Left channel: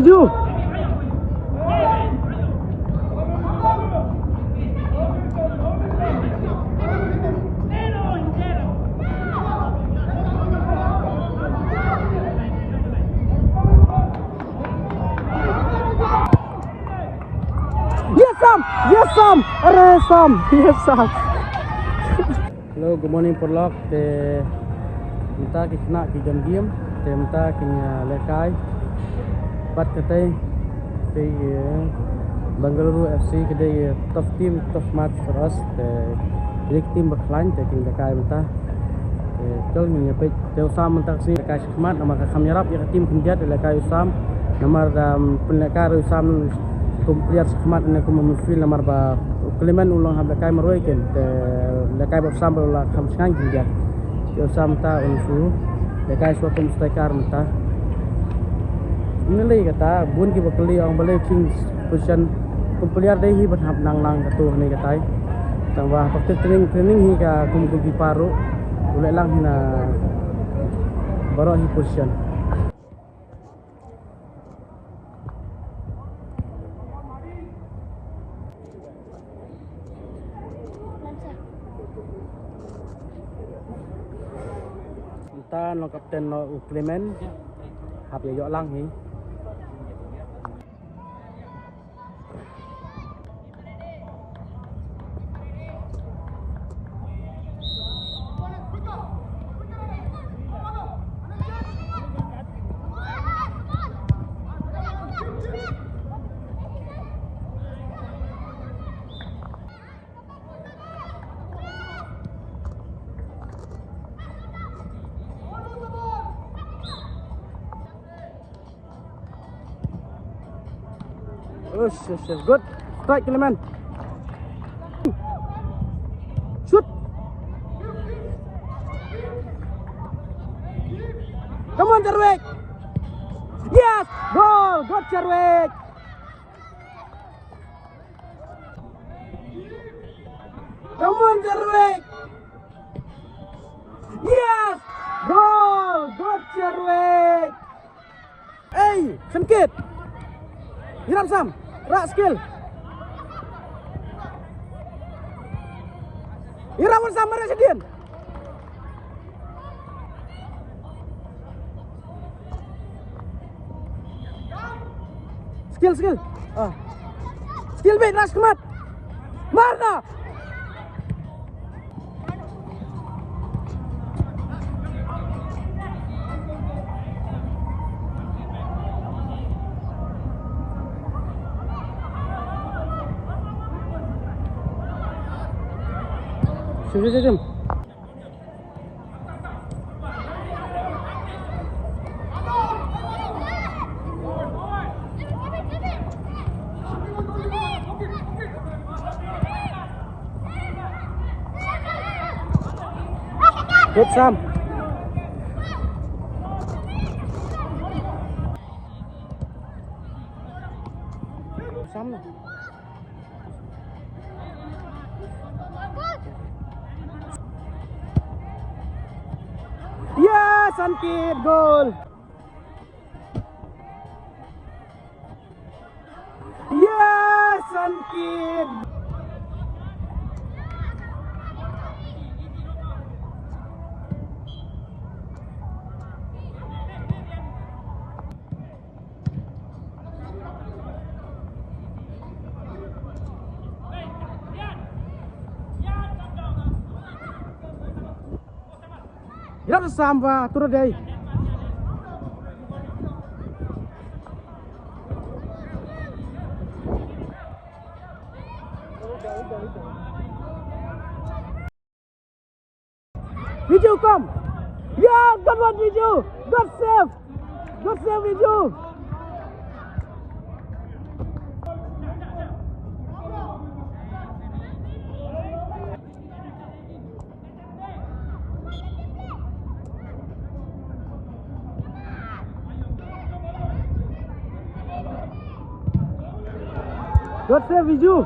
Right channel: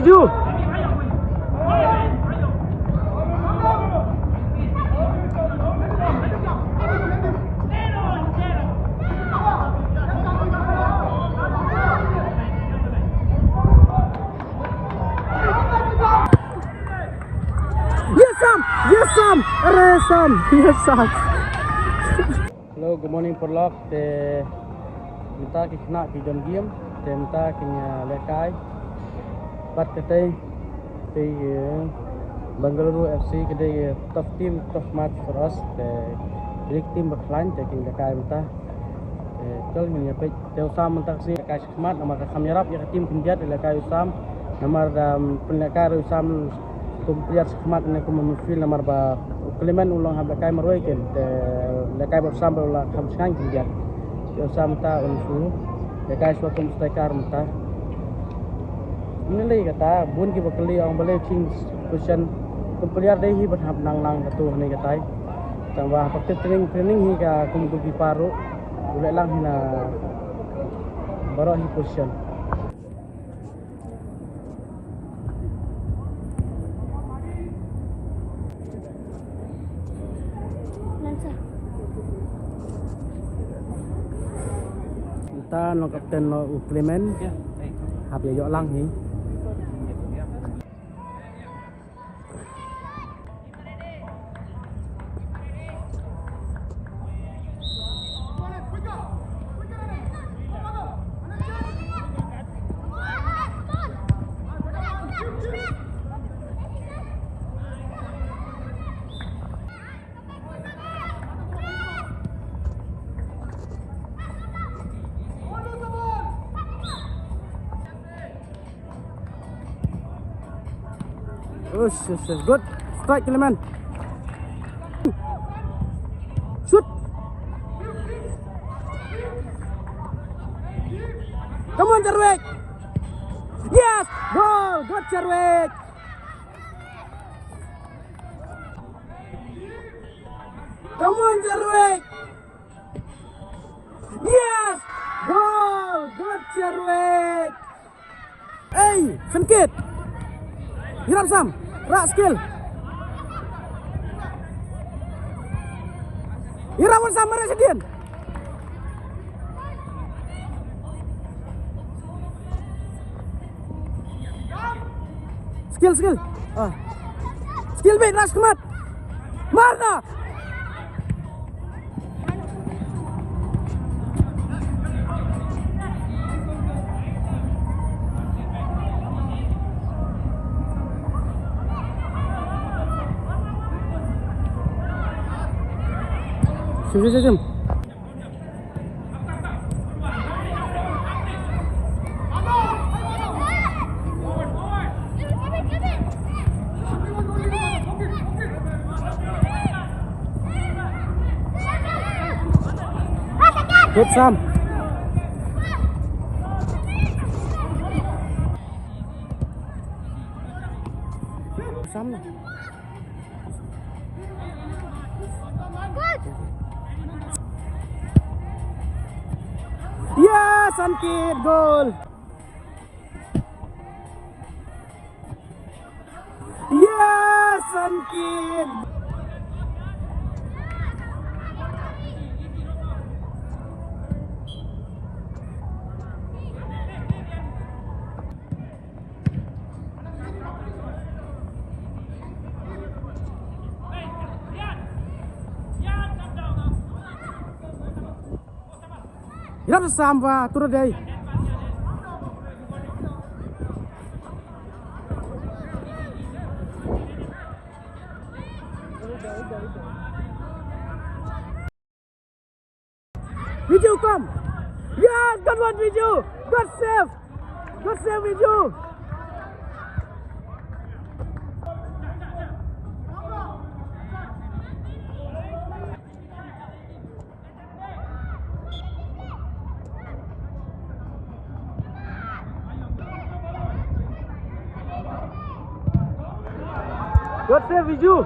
Viju. Yes, Sam. Hello, good morning Porlock. Kita kena kita diam. Kita kena lekai. Pat kita di Bangalore FC kita top team, top match for us. League team berklan. Kita lekai kita. Kalau ni apa? Kita Usam mentang si lekai semat. Nama kami harap yang tim kemudian lekai Usam. Nama lekai Usam player semat ni kumufil nama ba Clement ulang lekai meroikan. Lekai bersama ulang kamsang kemudian. Usam ta unsu. Lekai suatu striker kita. Ini lagi kata, bun kita beli orang beli king position player deh hi berhap nang ketua ni kata. Tambah pakai training hingga kumpulan paru, boleh lang hina baru hi position. Kita no kapten no Clement, hab ya lang hi. Good. Strike, Clement. Shoot. Come on, Jarwik. Yes. Goal. Good, Jarwik. Come on, Jarwik. Yes. Goal. Good, Jarwik. Hey, Sankit. Hirap Sam. Rak skill. Irawan sama rak sedian. Skill. Oh. Skill bait ras kemat. Marna. Jom. Good Sam. Sam lah. Yes, Sankit goal. Yes, Sankit. Hirap samba turun dari. Viju come. Yeah, good one Viju. Good save Viju. Good save, Viju.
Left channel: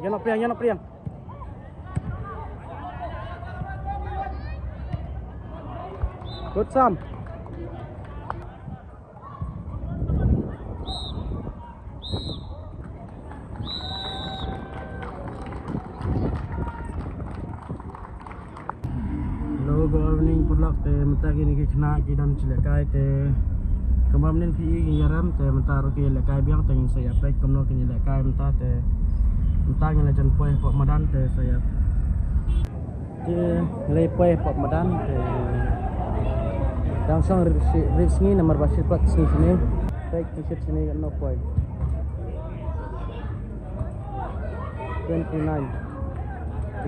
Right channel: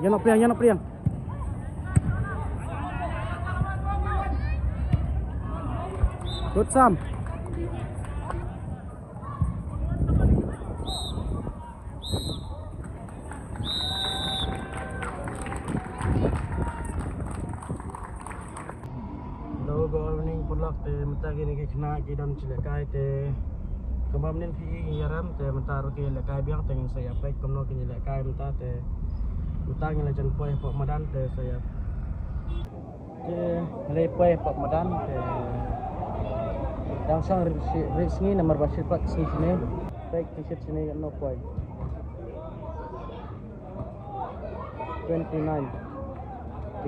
Yan nak Priang. Good Sam. Mata kini kena dan silakai te kemamin pi ngiram te mata roki lekai biang te saya baik komno kini lekai mata te mata ngene chan poe pak madan te saya te le poe pak madan te langsung risni nomor basit pak sini baik t-shirt sini kan no poe 29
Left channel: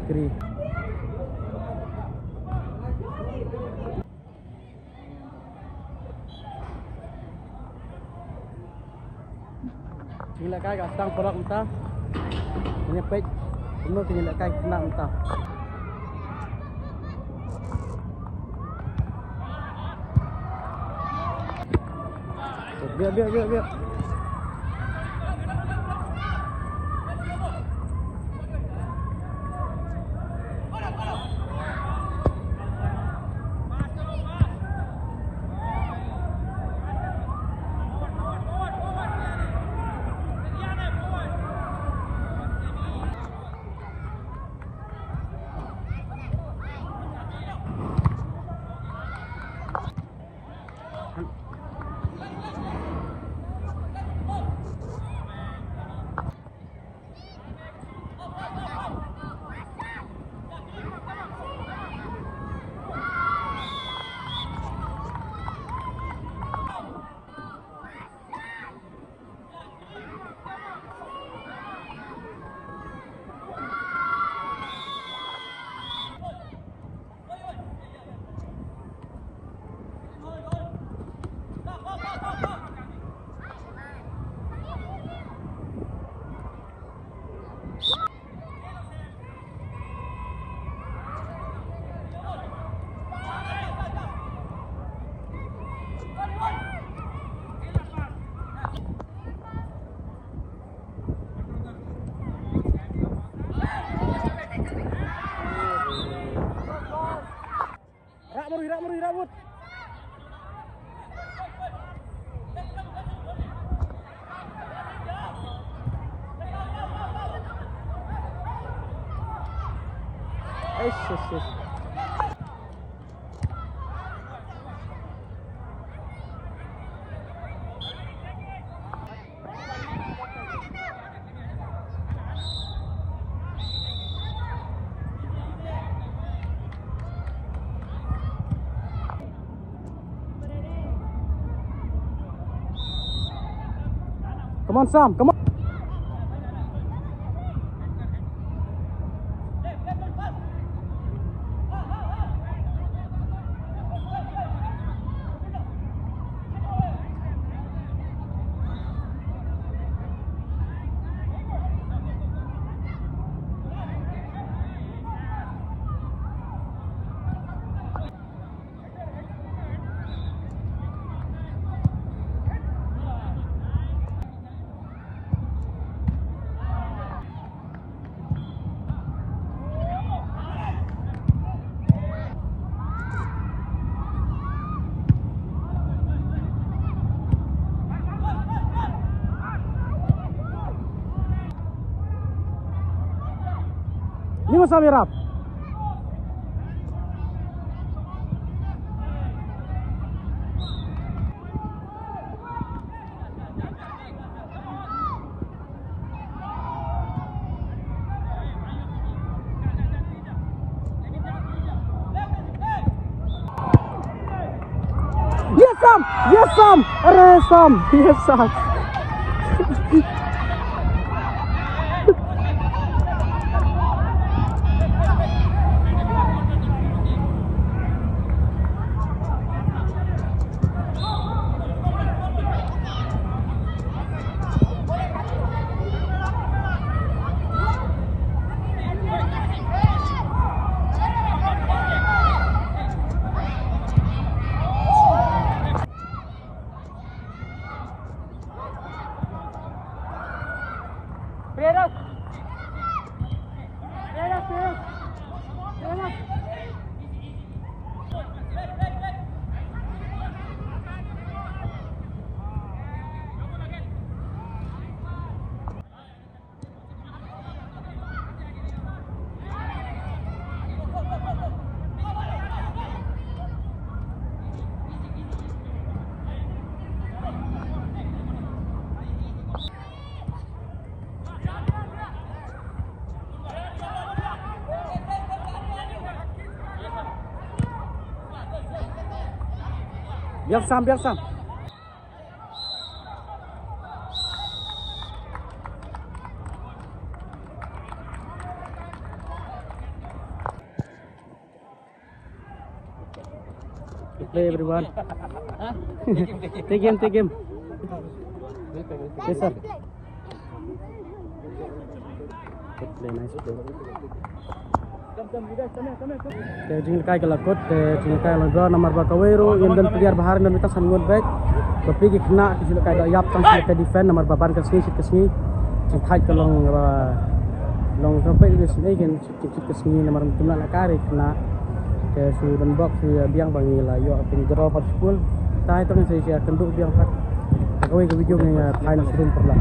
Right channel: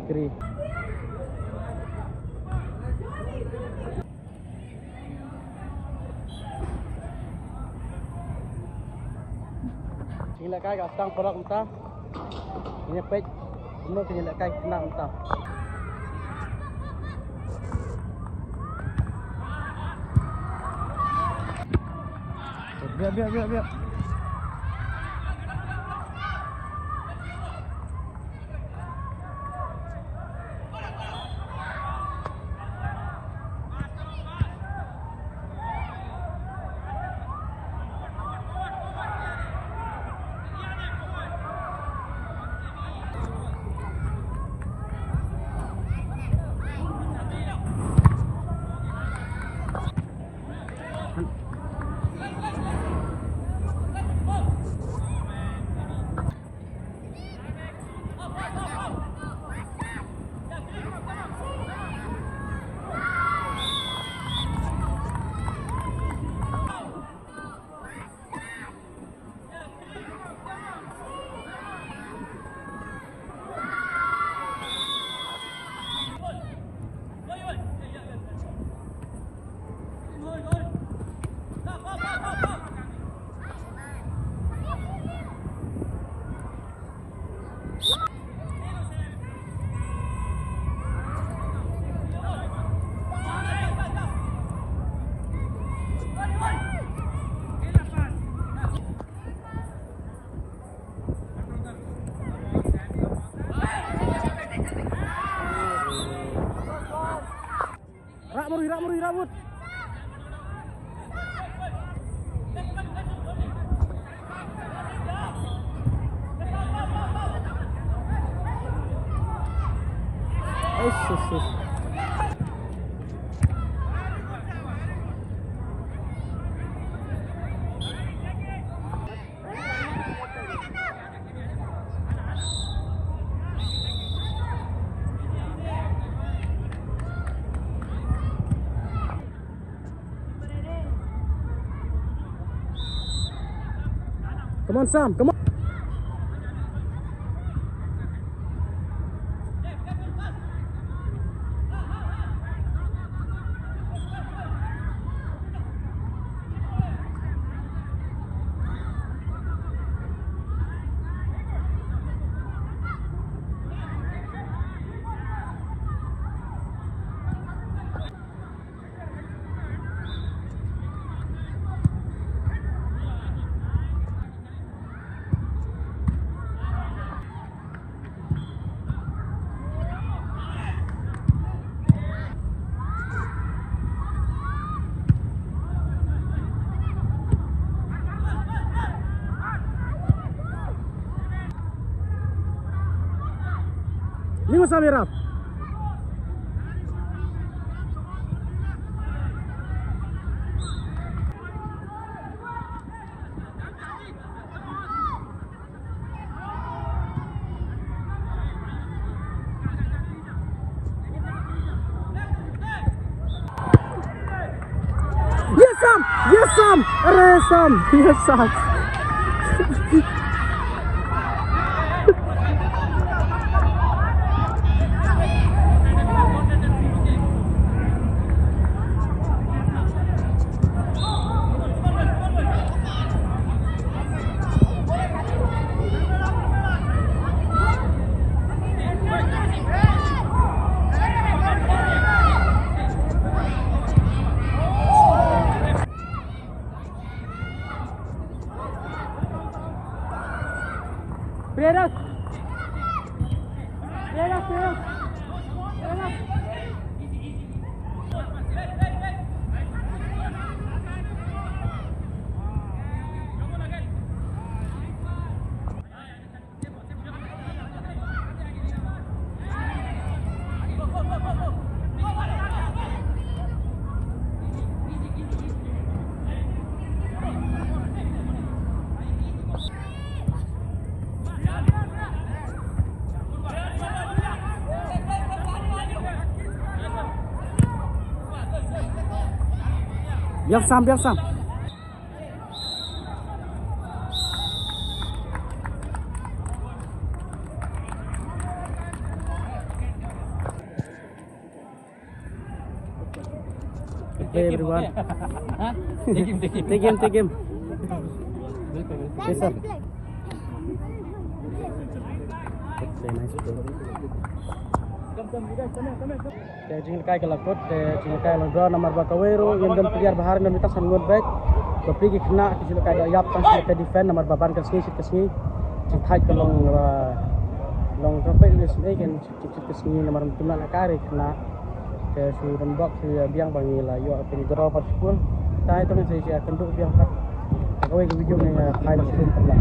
degree. Tinggal kai gastang tolak mentah. Ini pek. Semua tinggal kai kena mentah. Biar. Rabut. Come on, Sam. Come on. Samirap. Yes, Sam. Perak. Biar sam. Hey everyone. Take him. Yes sir. Jingkai kelakut, jingkai melbra nomor bakawero yang dan player bahar dan kita sambut baik. Tapi kena jingkai dah yap tang kita defend nomor baban kesini, jingkai kelong long sampai di sini kan kesini nomor kena nak kari kena ke sini lembab sini biang bangi lah. Yo akan draw kat pun. Saya tu nanti saya akan duduk biang kat. Kau yang video ni kai nak sebut terlah.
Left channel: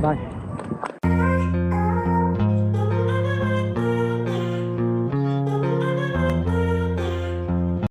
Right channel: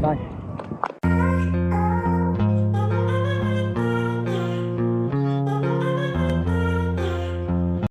Bye.